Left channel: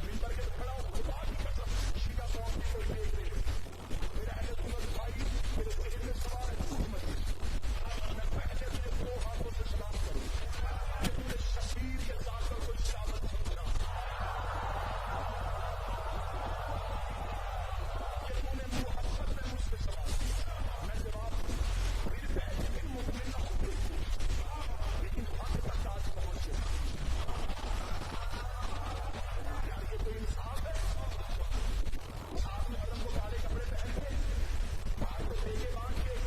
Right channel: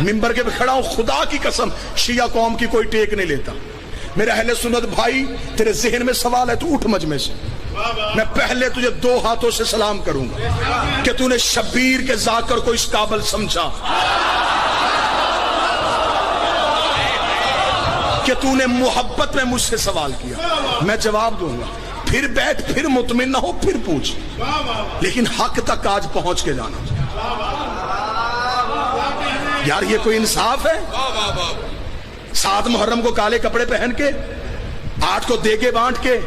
ممبر کے پہ کھڑا ہوں، خدا کی قسم شیعہ قوم کی کوئی ٹیک نہیں لیتا۔ میرے اہل سنت بھائی، تیرے ذہن میں سوال ہے تو اٹھ مجمع سے، میں پہلے تجھے 2 ہاتھوں سے سلام کروں گا کہ تو نے شبیر کے ذاکر کو اس قابل سمجھا کہ تو نے محبت میں مجھ سے سوال کیا، میں جواب دوں گا، پھر بیٹھ، پھر مطمئن نہ ہو، پھر پوچھ، لیکن حق تک آج پہنچ کے جانا۔ یار یہ کوئی انصاف ہے؟ 7 محرم کو کالے کپڑے پہن کے، 8 کو دیگے بانٹ کے،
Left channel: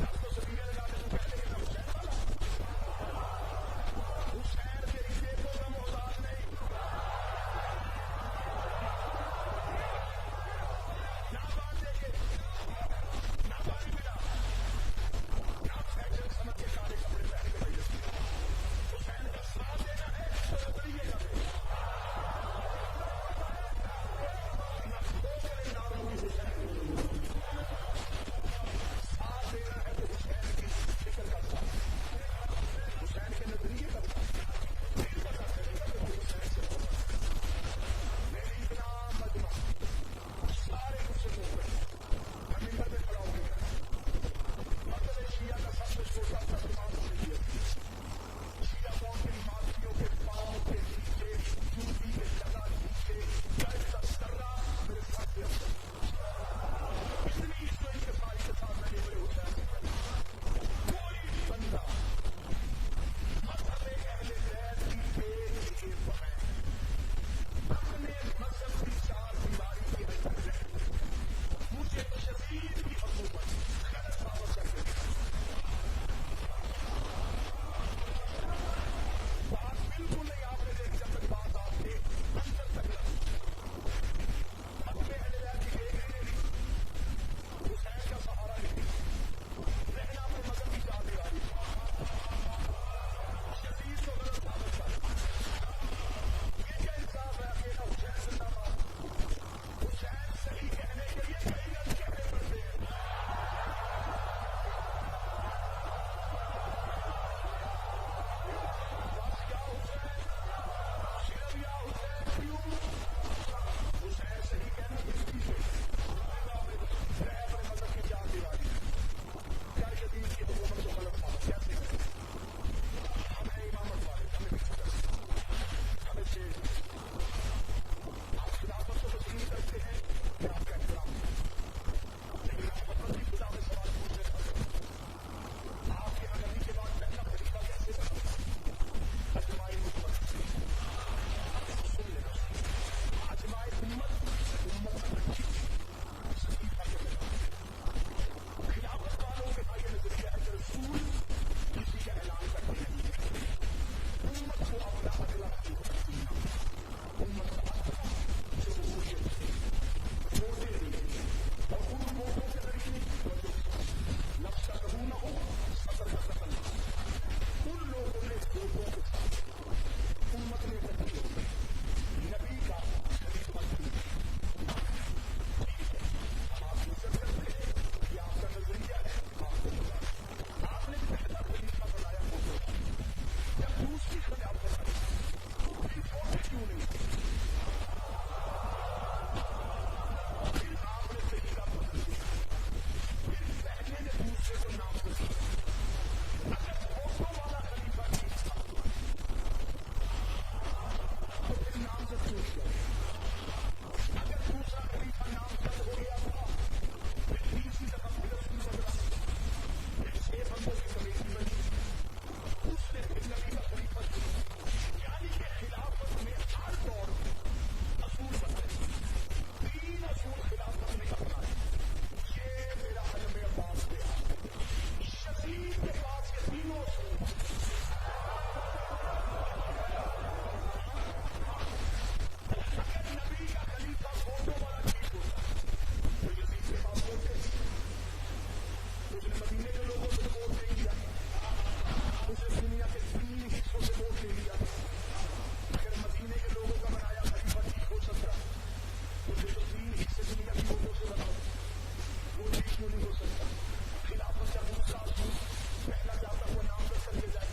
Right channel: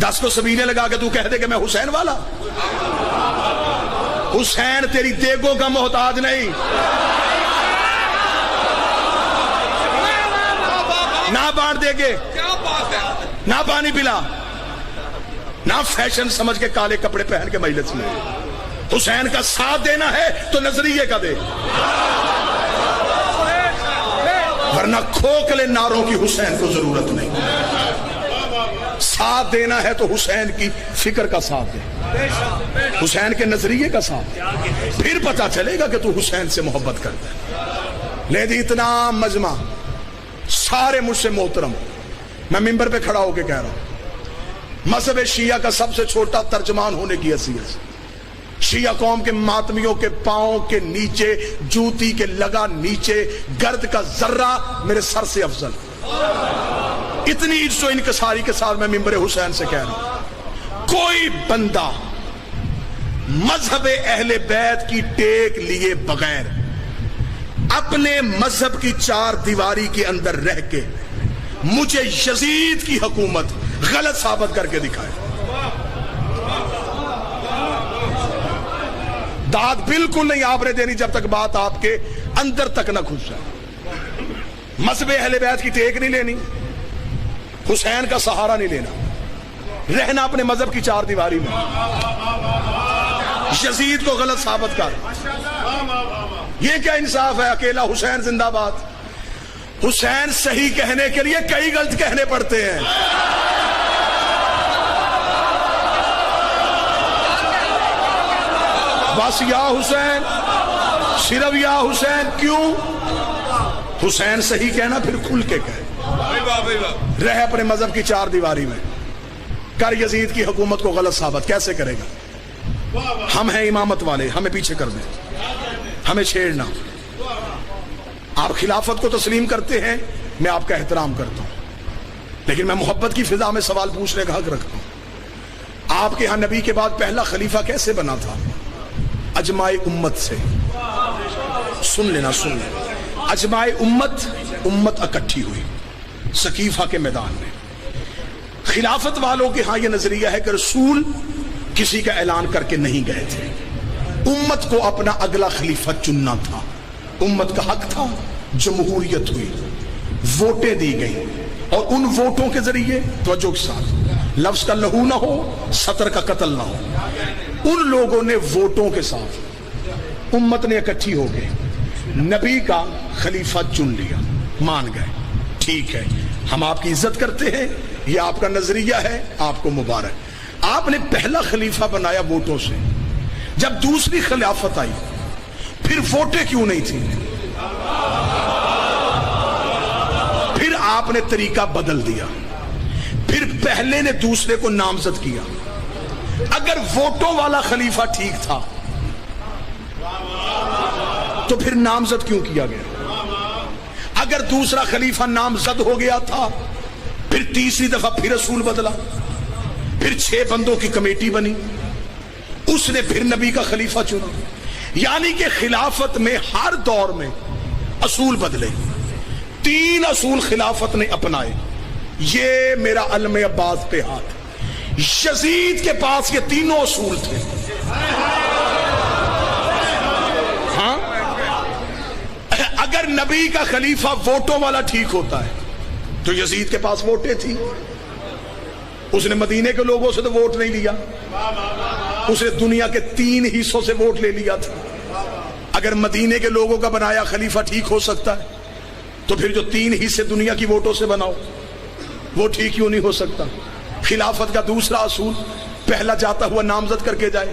10 کو سبینے لگا کے تو کہہ دے کہ میں حسین والا؟ حسین تیری دیگوں کا محتاج نہیں، نہ بانٹ دے گے، نہ پانی پلا، نہ فیشن سمجھ کے کالے کپڑے پہن کے مجلس میں۔ حسین کا ساتھ دینا ہے تو نظریے کا دے، ورنہ کھوکھلے نعروں کی حسین کو ضرورت نہیں۔ ساتھ دینا ہے تو حسین کی فکر کا ساتھ دے، حسین کے نظریے کا ساتھ دے، پھر پتہ چلے گا کہ تو حسین سے محبت کرتا ہے۔ لیکن اتنا مجمع سارے مجھ سے محترم، میں ممبر پہ کھڑا ہو کے کہہ رہا ہوں، مذہب شیعہ کا سب سے چھوٹا ترجمان ہونے کی حیثیت سے شیعہ قوم کے ماتمیوں کے پاؤں کے نیچے، جوتی کے لگا نیچے گرد کا ذرہ میرے سر سے افضل۔ اتنی عجز و انکساری کے ساتھ میں ممبر حسین سے کہہ رہا ہوں، کوئی بندہ مذہب اہل بیت کی ٹیک لیے بغیر اپنے مذہب کی 4 دیواری کے اندر رہ کے مجھے یزید کی حکومت غلط ثابت کر کے دکھائے۔ داد بالکل نہیں آپ نے دینی جب تک بات آپ کے اندر تک نہ گھس جائے۔ مذہب اہل بیت کی ٹیک نہیں لینی، حسین کا سہارا نہیں لینا، رہنا اپنے مذہب کی 4 دیواری میں، یزید کو غلط ثابت کر۔ یہ کیا انصاف ہے؟ اکیلا حسین زندہ باد۔ حسین صحیح کہنے کے لیے کئی غلط کہنے پڑتے ہیں۔ بس یا حسین، صرف یا حسین، کیوں؟ حسین صحیح کہنا پھر کھل کے کہے، رہ اپنے مذہب کی 4 دیواری میں، کر یزید کی حکومت کو غلط ثابت۔ کیسے کرے گا؟ ہم ہیں امامت والے، ہمیں پیچھے کر دیں، ہمیں چھیڑنا۔ آپ خلافت کو تسلیم کرتے ہیں، میں آپ کا احترام کرتا ہوں، لیکن میں محبت کی فضا میں سوال پوچھنے کا حق رکھتا ہوں۔ آپ کے ہاں نبی کے بعد پہلا خلیفہ کیسے بنا تھا؟ اجماع امت سے۔ سن لینا، سن لینا، اجماع امت اکٹھی ہوئی سقیفہ کے میدان میں۔ خلافت والوں کے ہاں یہ نظریہ ہے کہ رسول کسی کا اعلان کر کے نہیں گئے تھے، امت کو اپنا اگلا خلیفہ چننا تھا، امت کا حق تھا۔ جمہوریت ہوئی، ووٹیں دی گئی، اور ان ووٹوں کے ذریعے، توجہ کے ساتھ، لفظ کا لہو نہ ہو، سطر کا قتل نہ ہو، ان لوگوں نے ووٹوں کے ساتھ امت نے اکٹھی ہو گئے نبی کا خلیفہ چن لیا، مان گئے، ٹھیک ہے، ہم آپ کی عزت کرتے ہیں، یہ آپ کا نظریہ ہے، آپ کو مبارک۔ آپ نے پہلا خلیفہ بنایا ووٹوں سے، جب دوسری خلافت آئی پھر ووٹیں کیوں نہیں تھیں؟ پھر آپ نے طریقہ بدل دیا، پھر پہلے نے دوسرے کو نامزد کیا۔ اگر ووٹوں والا خلیفہ ٹھیک تھا تو پھر نامزد کیوں کیا گیا؟ اگر دوسرا خلیفہ نامزد ہو گیا تھا، پھر تیسری دفعہ پھر رسول بدلا، پھر 6 بندوں کی کمیٹی بنی، اس نے پھر نبی کا خلیفہ چنا۔ یعنی کہ خلافت میں ہر دور میں اصول بدلے۔ 3 اصول خلافت نے اپنائے، یہ میرا علم عباس پہ ہاتھ۔ یزید کے پاس یہ 3 اصول تھے۔ ہاں، اگر نبی کا خلیفہ ووٹوں والا ٹھیک ہوتا ہے تو یزید کے پاس ووٹیں تھی، اس نے مدینے کے لوگوں سے تو ووٹ نہیں لیا، اس نے دنیا کے 3 حصوں سے ووٹ لے لیا تھا۔ اگر مدینے کے لوگوں کا بنایا خلیفہ ٹھیک ہو سکتا ہے تو پھر جو 3 حصے دنیا کی ووٹوں سے بناؤ وہ ٹھیک کیوں نہیں ہو سکتا؟ خلافت کا دوسرا اصول، پہلا جاتا ہوا نامزد کر کے جائے،